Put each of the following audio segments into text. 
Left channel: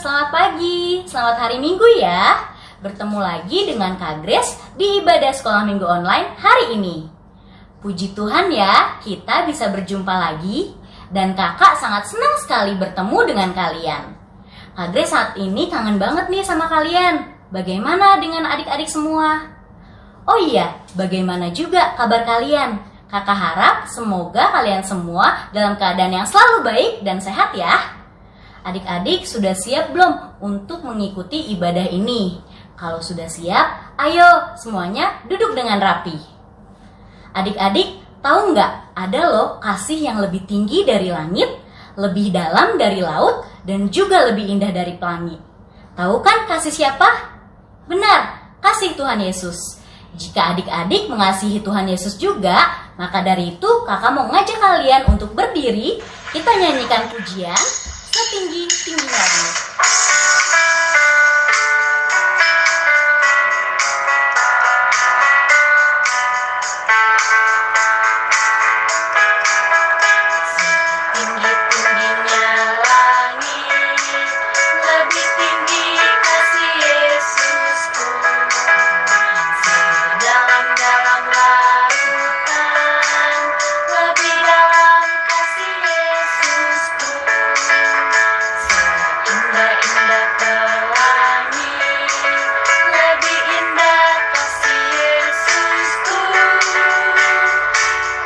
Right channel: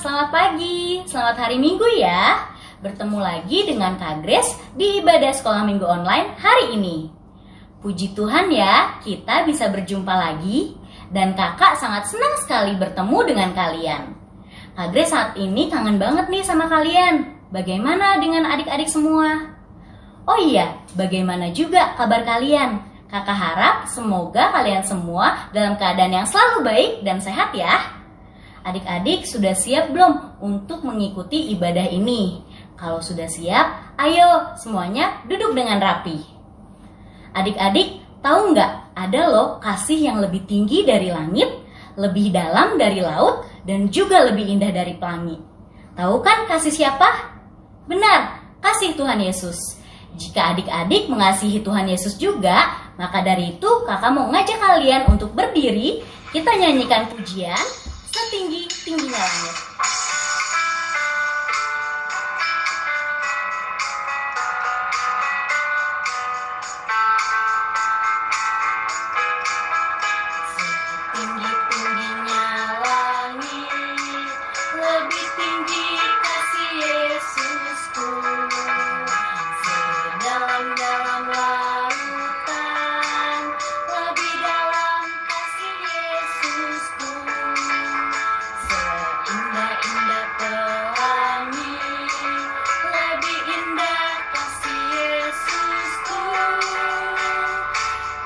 selamat pagi, selamat hari Minggu ya. Bertemu lagi dengan Kak Grace di ibadah sekolah minggu online hari ini. Puji Tuhan ya, kita bisa berjumpa lagi dan kakak sangat senang sekali bertemu dengan kalian. Kak Grace saat ini kangen banget nih sama kalian. Bagaimana dengan adik-adik semua? Oh iya, bagaimana juga kabar kalian? Kakak harap semoga kalian semua dalam keadaan yang selalu baik dan sehat ya. Adik-adik sudah siap belum untuk mengikuti ibadah ini? Kalau sudah siap, ayo semuanya duduk dengan rapi. Adik-adik tahu nggak ada loh kasih yang lebih tinggi dari langit, lebih dalam dari laut, dan juga lebih indah dari pelangi. Tahu kan kasih siapa? Benar, kasih Tuhan Yesus. Jika adik-adik mengasihi Tuhan Yesus juga, maka dari itu kakak mau ngajak kalian untuk berdiri. Kita nyanyikan pujian setinggi-tingginya langit. Setinggi-tingginya langit, lebih tinggi kasih Yesusku. Sedalam-dalam lautan, lebih dalam kasih Yesusku. Seindah-indah pelangi, lebih indah kasih Yesusku.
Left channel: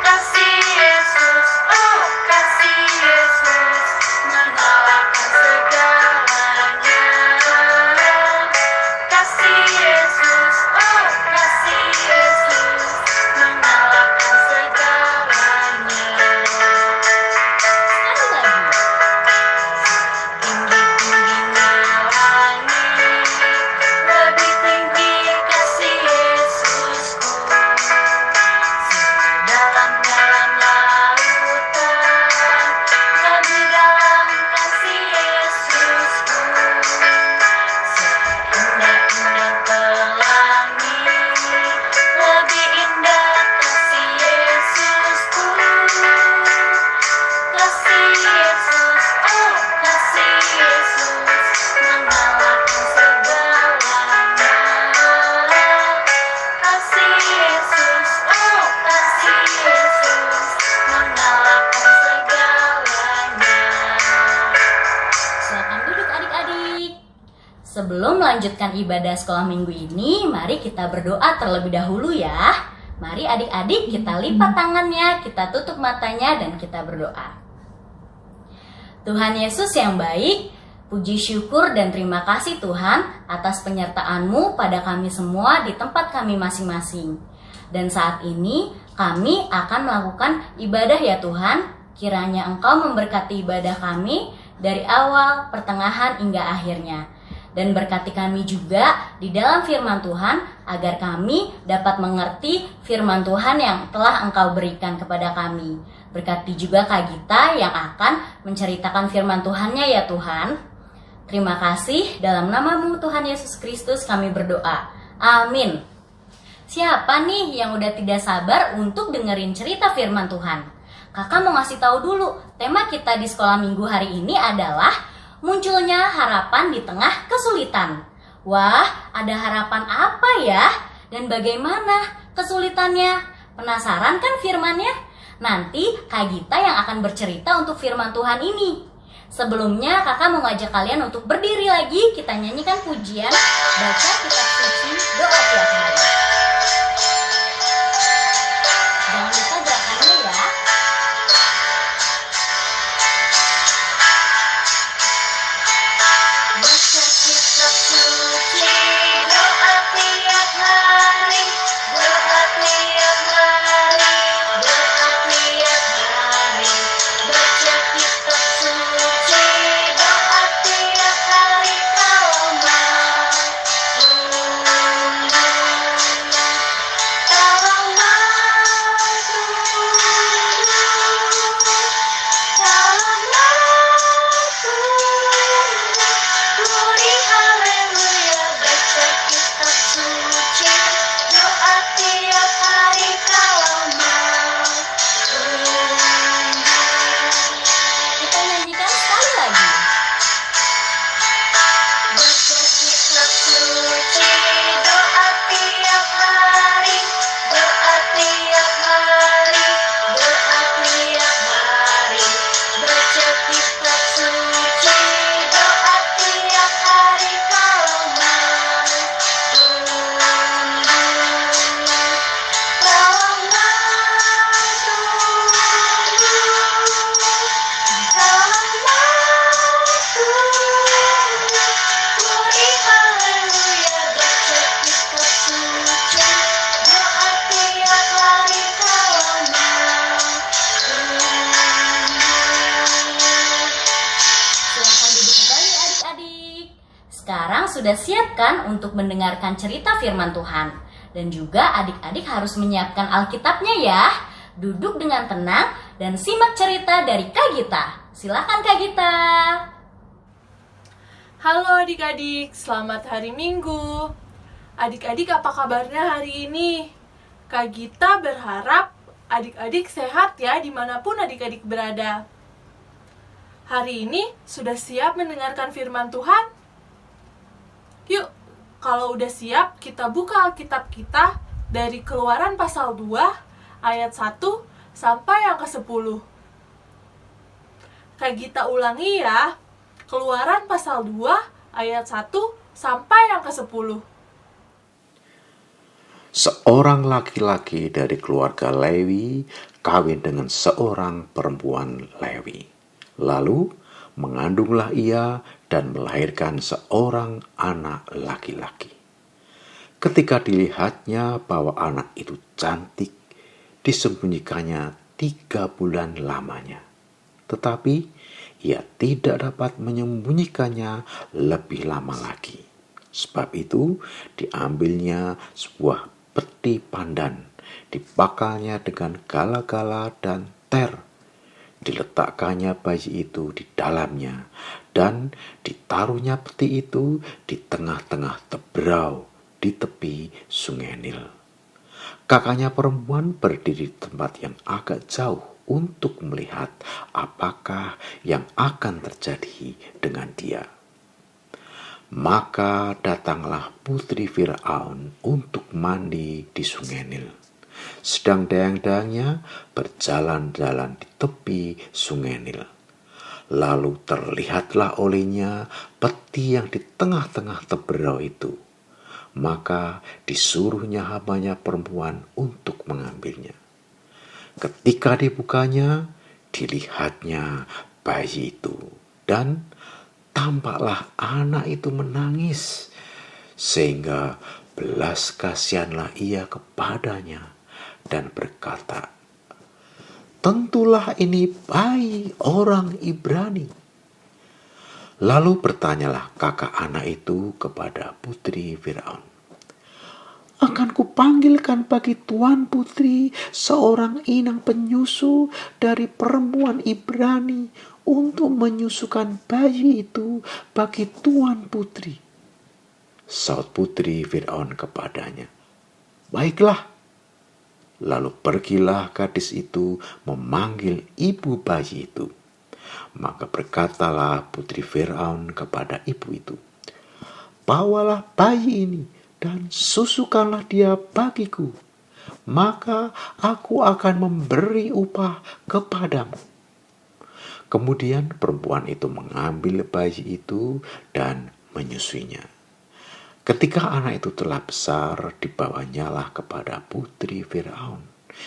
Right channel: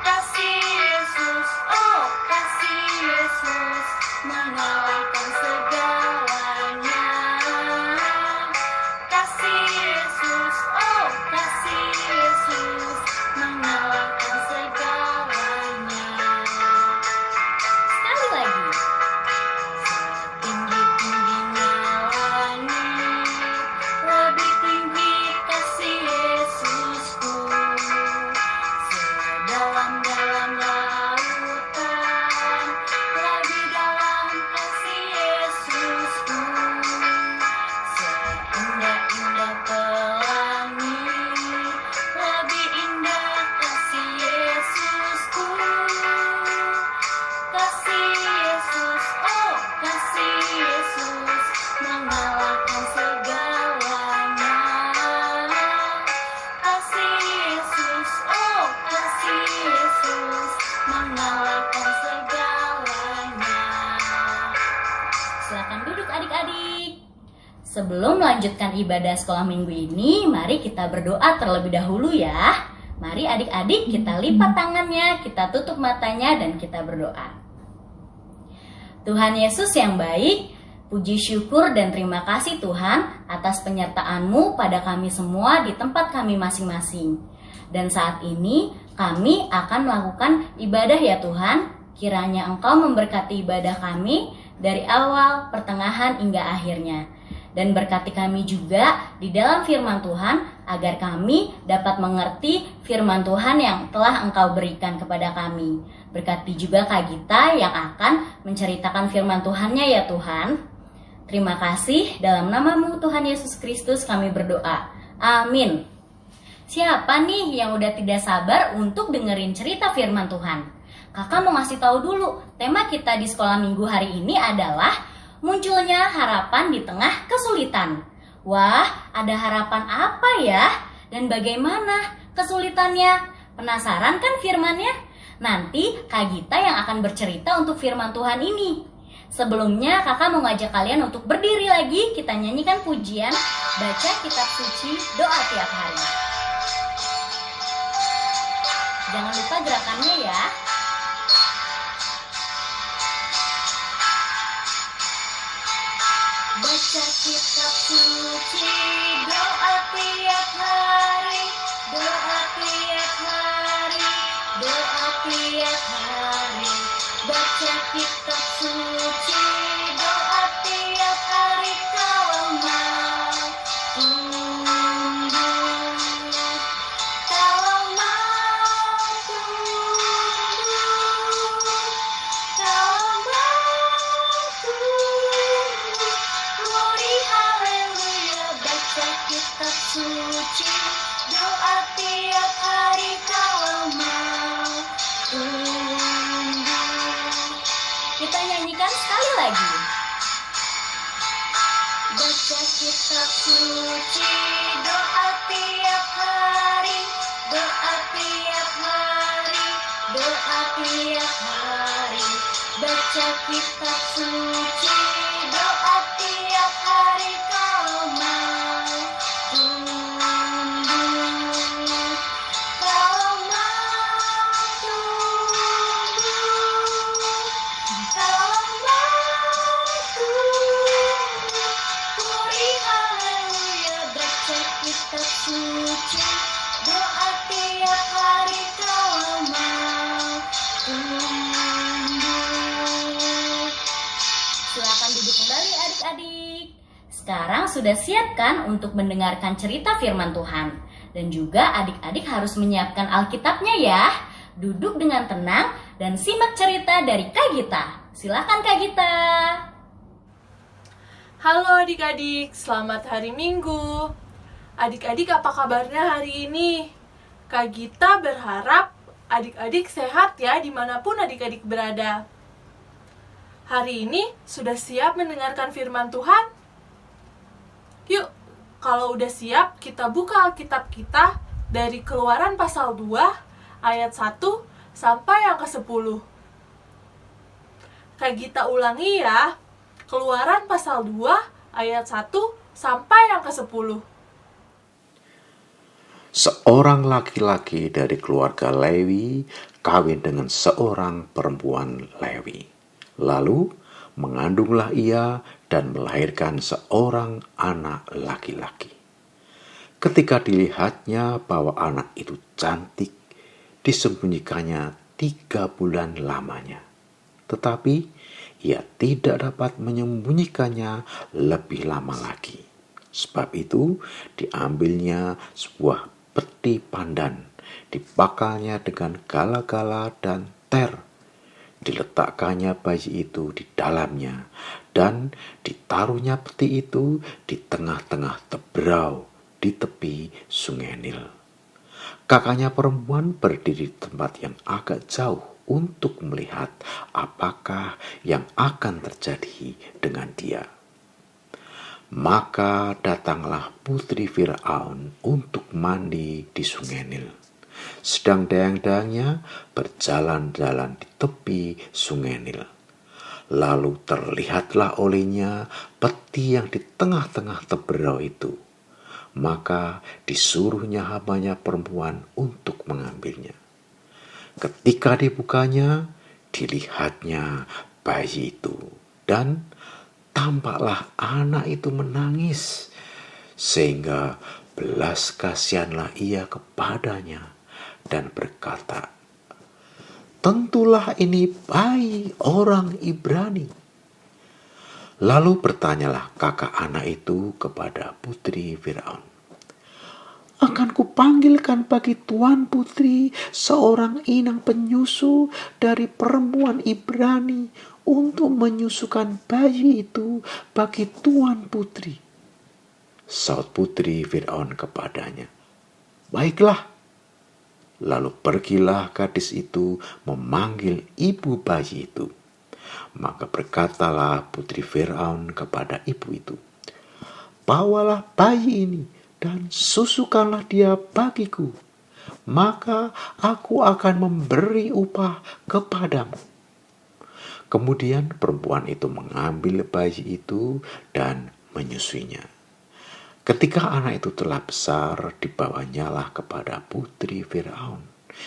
Kasih Yesus, oh kasih Yesus, mengalahkan segalanya. Kasih Yesus, oh kasih Yesus, mengalahkan segalanya. Sekali lagi. Setinggi-tingginya langit, lebih tinggi kasih Yesusku. Sedalam-dalam lautan, lebih dalam kasih Yesusku. Seindah-indah pelangi, lebih indah kasih Yesusku. Kasih Yesus, oh kasih Yesus, mengalahkan segalanya. Kasih Yesus, oh kasih Yesus, mengalahkan segalanya. Silakan duduk adik-adik. Sebelum melanjutkan ibadah sekolah minggu ini, mari kita berdoa terlebih dahulu ya. Mari adik-adik kita lipat tangannya, kita tutup matanya dan kita berdoa. Tuhan Yesus yang baik, puji syukur dan terima kasih Tuhan atas penyertaan-Mu pada kami semua di tempat kami masing-masing. Dan saat ini kami akan melakukan ibadah ya Tuhan. Kiranya Engkau memberkati ibadah kami dari awal, pertengahan hingga akhirnya. Dan berkati kami juga di dalam firman Tuhan agar kami dapat mengerti firman Tuhan yang telah Engkau berikan kepada kami. Berkati juga Kak Gita yang akan menceritakan firman Tuhannya ya Tuhan. Terima kasih, dalam nama-Mu Tuhan Yesus Kristus kami berdoa. Amin. Siapa nih yang udah tidak sabar untuk dengerin cerita firman Tuhan? Kakak mau ngasih tahu dulu, tema kita di sekolah minggu hari ini adalah munculnya harapan di tengah kesulitan. Wah, ada harapan apa ya? Dan bagaimana kesulitannya? Penasaran kan firmannya? Nanti Kak Gita yang akan bercerita untuk firman Tuhan ini. Sebelumnya kakak mau ngajak kalian untuk berdiri lagi. Kita nyanyikan pujian, baca kitab suci, doa tiap hari. Jangan lupa gerakannya ya. Baca kitab suci, doa tiap hari, doa tiap hari, doa tiap hari. Baca kitab suci, doa tiap hari kau mau tunduk. Sekarang sudah siap kan untuk mendengarkan cerita firman Tuhan? Dan juga adik-adik harus menyiapkan Alkitabnya ya. Duduk dengan tenang dan simak cerita dari Kak Gita. Silakan Kak Gita. Halo adik-adik, selamat hari Minggu. Adik-adik apa kabarnya hari ini? Kak Gita berharap adik-adik sehat ya dimanapun adik-adik berada. Hari ini sudah siap mendengarkan firman Tuhan? Yuk, kalau udah siap kita buka Alkitab kita dari Keluaran pasal 2 ayat 1 sampai yang ke-10. Kak Gita ulangi ya. Keluaran pasal 2 ayat 1 sampai yang ke-10. Seorang laki-laki dari keluarga Lewi kawin dengan seorang perempuan Lewi. Lalu mengandunglah ia dan melahirkan seorang anak laki-laki. Ketika dilihatnya bahwa anak itu cantik, disembunyikannya 3 bulan lamanya. Tetapi ia tidak dapat menyembunyikannya lebih lama lagi. Sebab itu diambilnya sebuah peti pandan, dibakalnya dengan gala-gala dan ter. Diletakkannya bayi itu di dalamnya, dan ditaruhnya peti itu di tengah-tengah teberau di tepi sungai Nil. Kakaknya perempuan berdiri di tempat yang agak jauh untuk melihat apakah yang akan terjadi dengan dia. Maka datanglah putri Firaun untuk mandi di sungai Nil. Sedang dayang-dayangnya berjalan-jalan di tepi sungai Nil. Lalu terlihatlah olehnya peti yang di tengah-tengah teberau itu. Maka disuruhnya hambanya perempuan untuk mengambilnya. Ketika dibukanya, dilihatnya bayi itu, dan tampaklah anak itu menangis, sehingga belas kasihanlah ia kepadanya dan berkata, "Tentulah ini bayi orang Ibrani." Lalu bertanyalah kakak anak itu kepada putri Firaun, "Akan kupanggilkan bagi tuan putri seorang inang penyusu dari perempuan Ibrani untuk menyusukan bayi itu bagi tuan putri." Saud putri Firaun kepadanya, "Baiklah." Lalu pergilah gadis itu memanggil ibu bayi itu. Maka berkatalah putri Firaun kepada ibu itu, "Bawalah bayi ini dan susukanlah dia bagiku, maka aku akan memberi upah kepadamu." Kemudian perempuan itu mengambil bayi itu dan menyusuinya. Ketika anak itu telah besar, dibawanyalah kepada putri Firaun,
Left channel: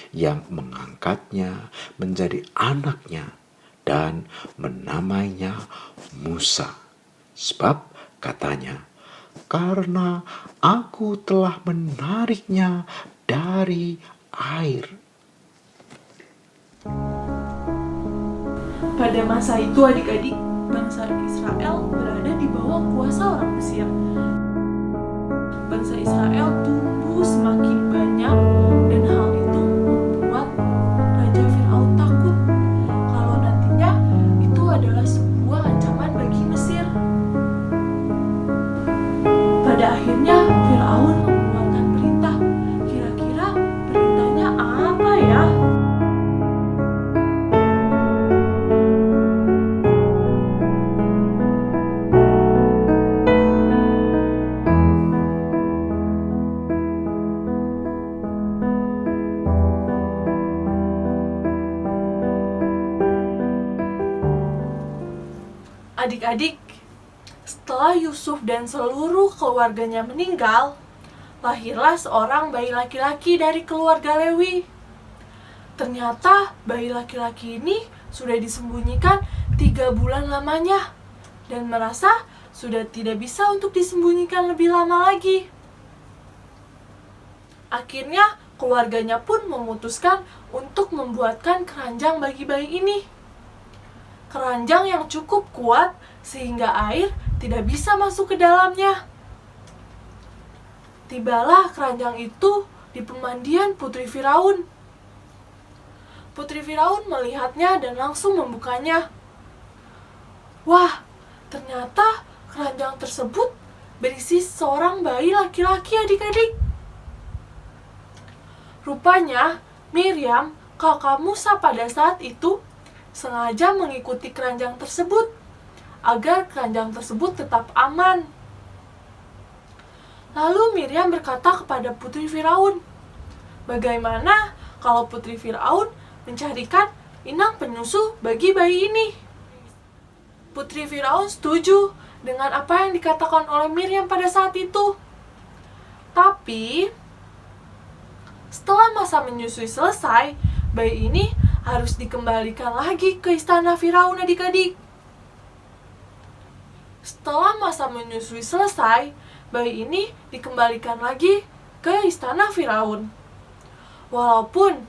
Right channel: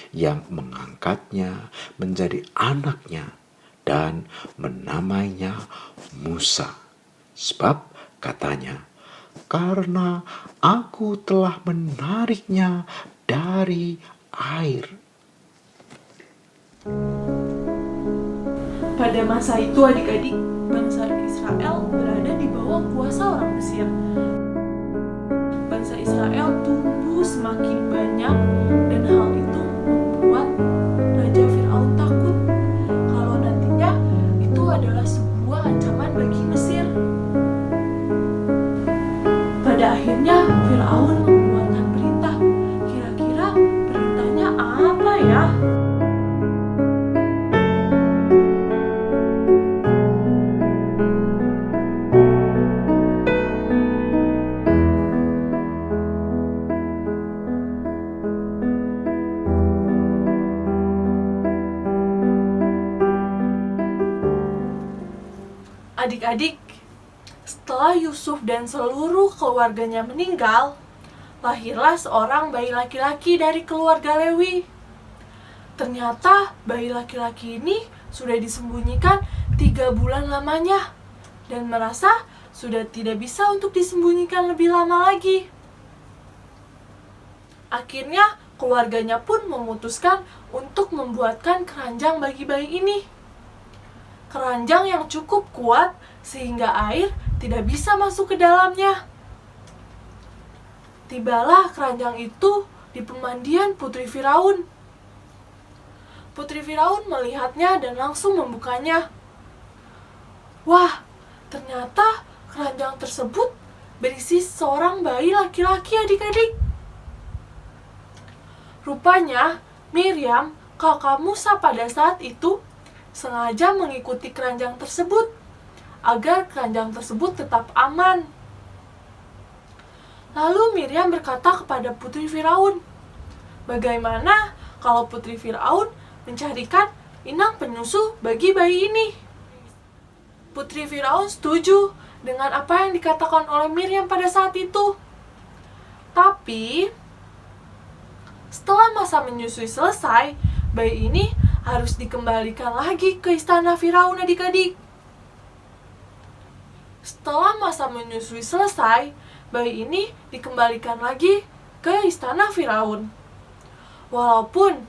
yang mengangkatnya menjadi anaknya dan menamainya Musa. Sebab katanya, "Karena aku telah menariknya dari air." Pada masa itu adik-adik, bangsa Israel berada di bawah kuasa orang Mesir. Bangsa Israel tumbuh semakin banyak dan hal itu membuat Raja Firaun takut kalau nantinya itu adalah sebuah ancaman bagi Mesir. Pada akhirnya Firaun mengeluarkan perintah. Kira-kira perintahnya apa ya? Adik-adik, setelah Yusuf dan seluruh keluarganya meninggal, lahirlah seorang bayi laki-laki dari keluarga Lewi. Ternyata bayi laki-laki ini sudah disembunyikan 3 bulan lamanya dan merasa sudah tidak bisa untuk disembunyikan lebih lama lagi. Akhirnya keluarganya pun memutuskan untuk membuatkan keranjang bagi bayi ini. Keranjang yang cukup kuat sehingga air tidak bisa masuk ke dalamnya. Tibalah keranjang itu di pemandian Putri Firaun. Putri Firaun melihatnya dan langsung membukanya. Wah, ternyata keranjang tersebut berisi seorang bayi laki-laki, adik-adik. Rupanya, Miriam, kakak Musa pada saat itu, sengaja mengikuti keranjang tersebut, agar keranjang tersebut tetap aman. Lalu Miriam berkata kepada Putri Firaun, bagaimana kalau Putri Firaun mencarikan inang penyusu bagi bayi ini? Putri Firaun setuju dengan apa yang dikatakan oleh Miriam pada saat itu. Tapi, setelah masa menyusui selesai, bayi ini harus dikembalikan lagi ke istana Firaun, adik-adik. Setelah masa menyusui selesai, bayi ini dikembalikan lagi ke istana Firaun. Walaupun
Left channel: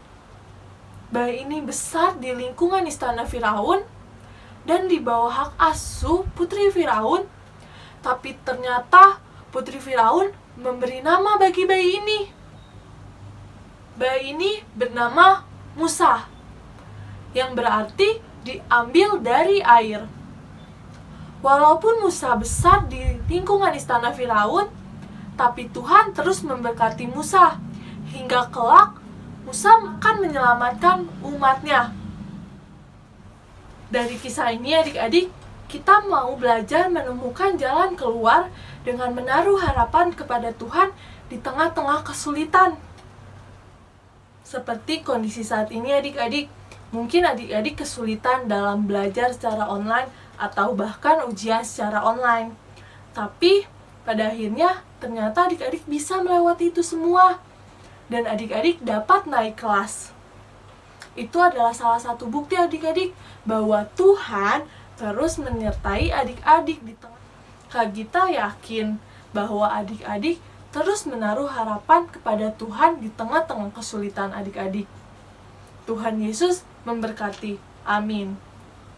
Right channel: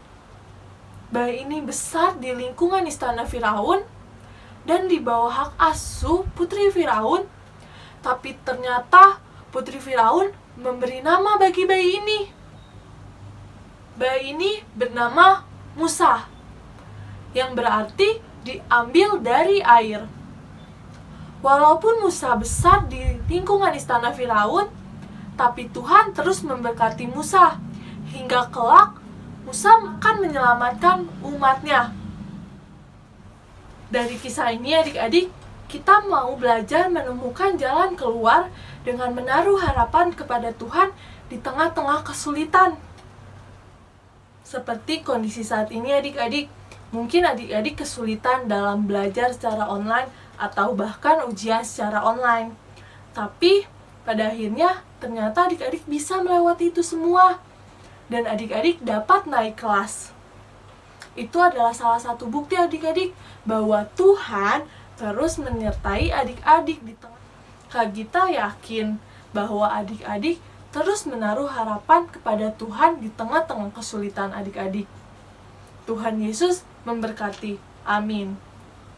bayi ini besar di lingkungan istana Firaun dan di bawah hak asuh Putri Firaun, tapi ternyata Putri Firaun memberi nama bagi bayi ini. Bayi ini bernama Musa, yang berarti diambil dari air. Walaupun Musa besar di lingkungan istana Firaun, tapi Tuhan terus memberkati Musa, hingga kelak Musa akan menyelamatkan umatnya. Dari kisah ini, adik-adik, kita mau belajar menemukan jalan keluar dengan menaruh harapan kepada Tuhan di tengah-tengah kesulitan. Seperti kondisi saat ini, adik-adik, mungkin adik-adik kesulitan dalam belajar secara online atau bahkan ujian secara online. Tapi pada akhirnya ternyata adik-adik bisa melewati itu semua dan adik-adik dapat naik kelas. Itu adalah salah satu bukti, adik-adik, bahwa Tuhan terus menyertai adik-adik di tengah. Kak Gita yakin bahwa adik-adik terus menaruh harapan kepada Tuhan di tengah-tengah kesulitan adik-adik. Tuhan Yesus memberkati. Amin.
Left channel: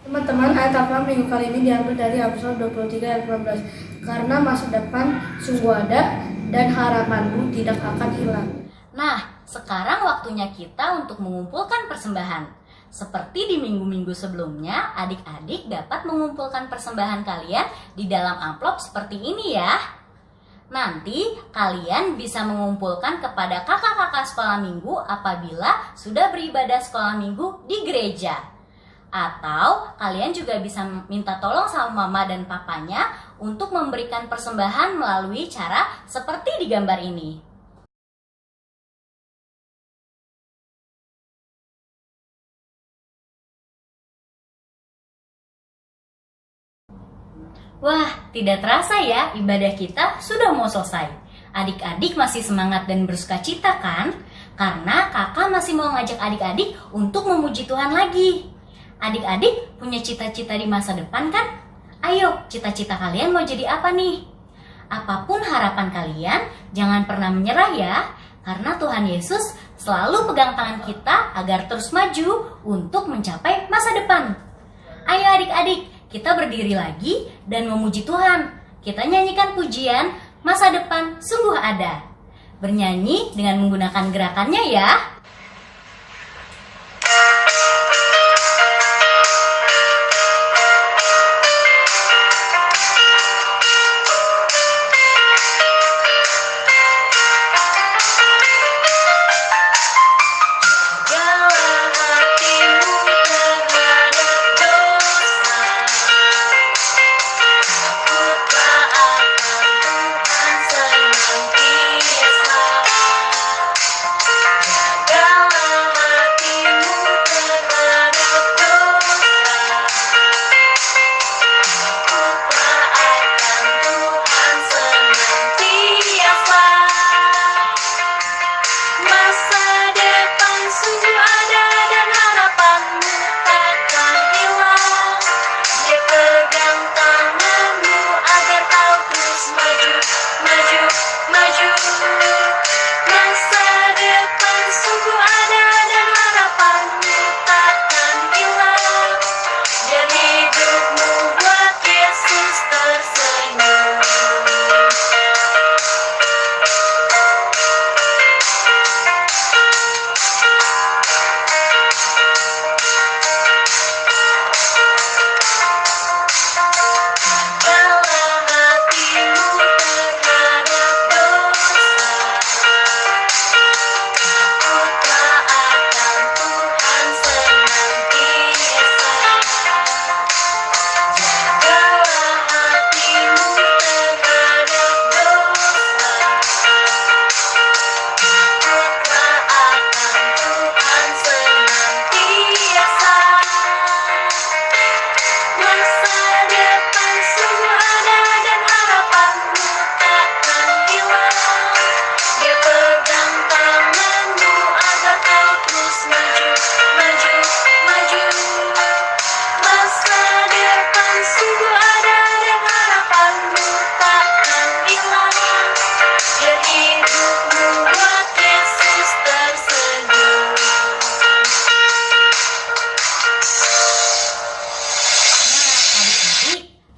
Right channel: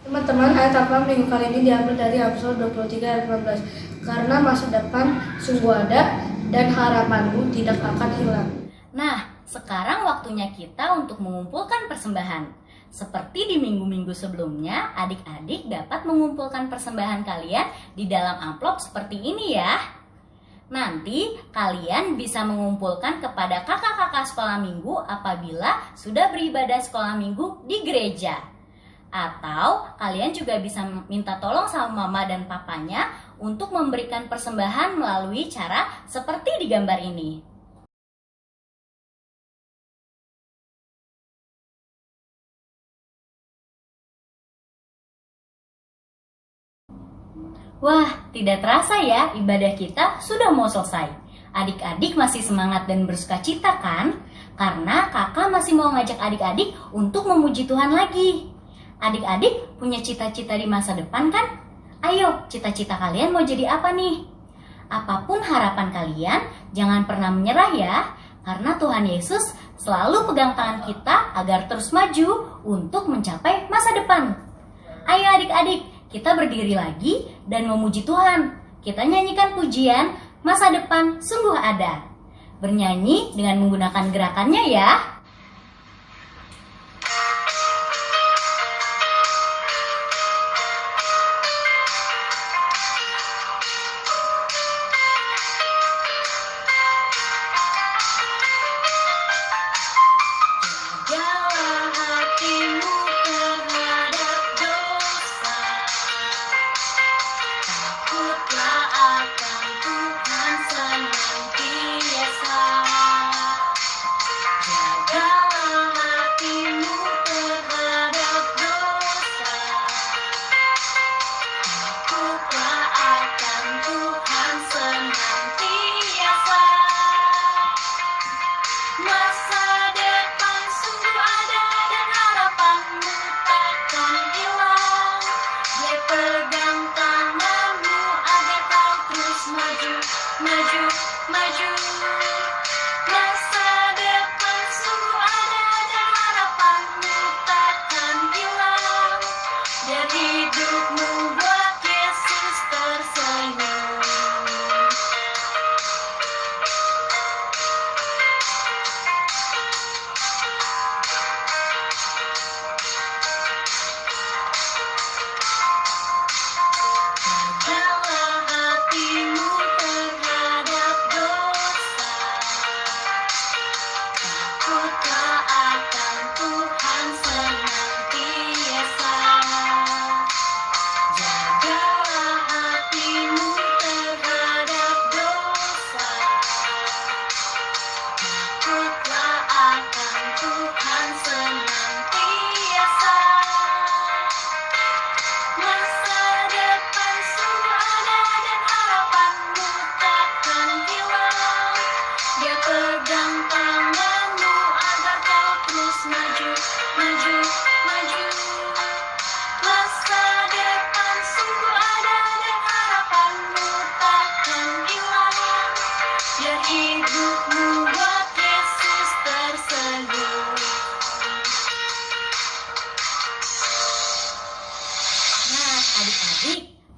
Teman-teman, ayat apa minggu kali ini diambil dari Amsal 23 ayat 14. Karena masa depan sungguh ada dan harapanmu tidak akan hilang. Nah, sekarang waktunya kita untuk mengumpulkan persembahan. Seperti di minggu-minggu sebelumnya, adik-adik dapat mengumpulkan persembahan kalian di dalam amplop seperti ini ya. Nanti kalian bisa mengumpulkan kepada kakak-kakak sekolah minggu apabila sudah beribadah sekolah minggu di gereja. Atau kalian juga bisa minta tolong sama mama dan papanya untuk memberikan persembahan melalui cara seperti di gambar ini. Wah, tidak terasa ya, ibadah kita sudah mau selesai. Adik-adik masih semangat dan bersukacita kan? Karena kakak masih mau ngajak adik-adik untuk memuji Tuhan lagi. Adik-adik punya cita-cita di masa depan kan? Ayo, cita-cita kalian mau jadi apa nih? Apapun harapan kalian, jangan pernah menyerah ya. Karena Tuhan Yesus selalu pegang tangan kita agar terus maju untuk mencapai masa depan. Ayo adik-adik, kita berdiri lagi dan memuji Tuhan. Kita nyanyikan pujian Masa Depan Sungguh Ada. Bernyanyi dengan menggunakan gerakannya ya. Jaga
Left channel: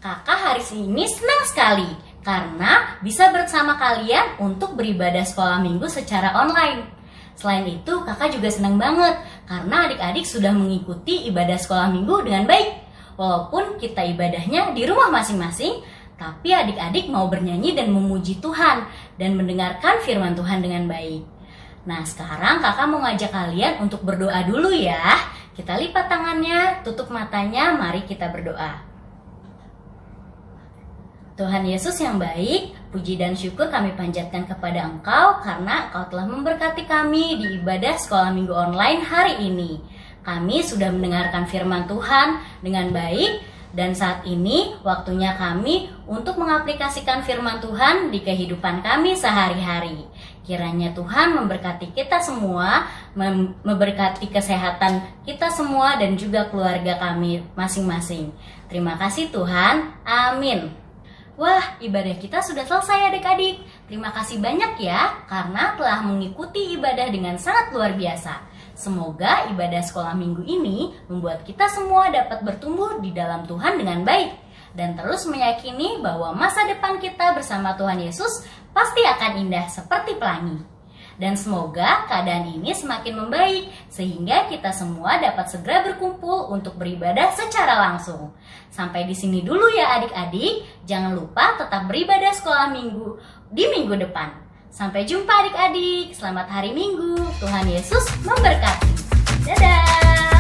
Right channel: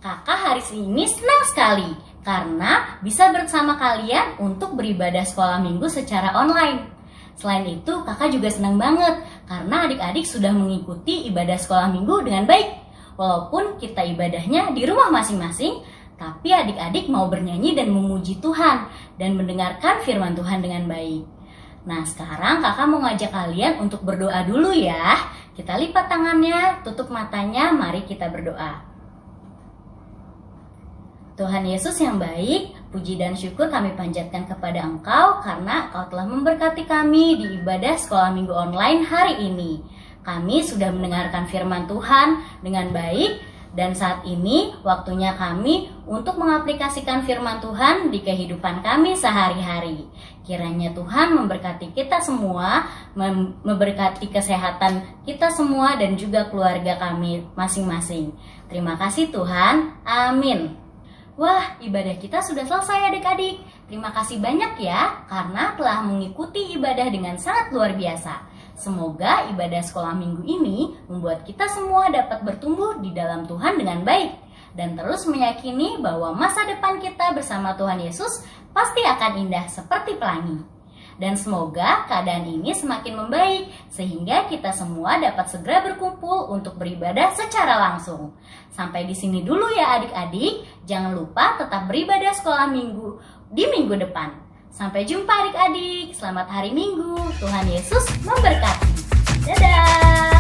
Kakak hari ini senang sekali karena bisa bersama kalian untuk beribadah sekolah minggu secara online. Selain itu, kakak juga senang banget karena adik-adik sudah mengikuti ibadah sekolah minggu dengan baik. Walaupun kita ibadahnya di rumah masing-masing, tapi adik-adik mau bernyanyi dan memuji Tuhan dan mendengarkan firman Tuhan dengan baik. Nah, sekarang kakak mau ngajak kalian untuk berdoa dulu ya. Kita lipat tangannya, tutup matanya, mari kita berdoa. Tuhan Yesus yang baik, puji dan syukur kami panjatkan kepada Engkau karena Engkau telah memberkati kami di ibadah sekolah minggu online hari ini. Kami sudah mendengarkan firman Tuhan dengan baik dan saat ini waktunya kami untuk mengaplikasikan firman Tuhan di kehidupan kami sehari-hari. Kiranya Tuhan memberkati kita semua, memberkati kesehatan kita semua dan juga keluarga kami masing-masing. Terima kasih Tuhan, amin. Wah, ibadah kita sudah selesai adik-adik. Terima kasih banyak ya karena telah mengikuti ibadah dengan sangat luar biasa. Semoga ibadah sekolah minggu ini membuat kita semua dapat bertumbuh di dalam Tuhan dengan baik dan terus meyakini bahwa masa depan kita bersama Tuhan Yesus pasti akan indah seperti pelangi. Dan semoga keadaan ini semakin membaik sehingga kita semua dapat segera berkumpul untuk beribadah secara langsung. Sampai di sini dulu ya adik-adik. Jangan lupa tetap beribadah sekolah minggu di minggu depan. Sampai jumpa adik-adik. Selamat hari Minggu. Tuhan Yesus memberkati. Dadah.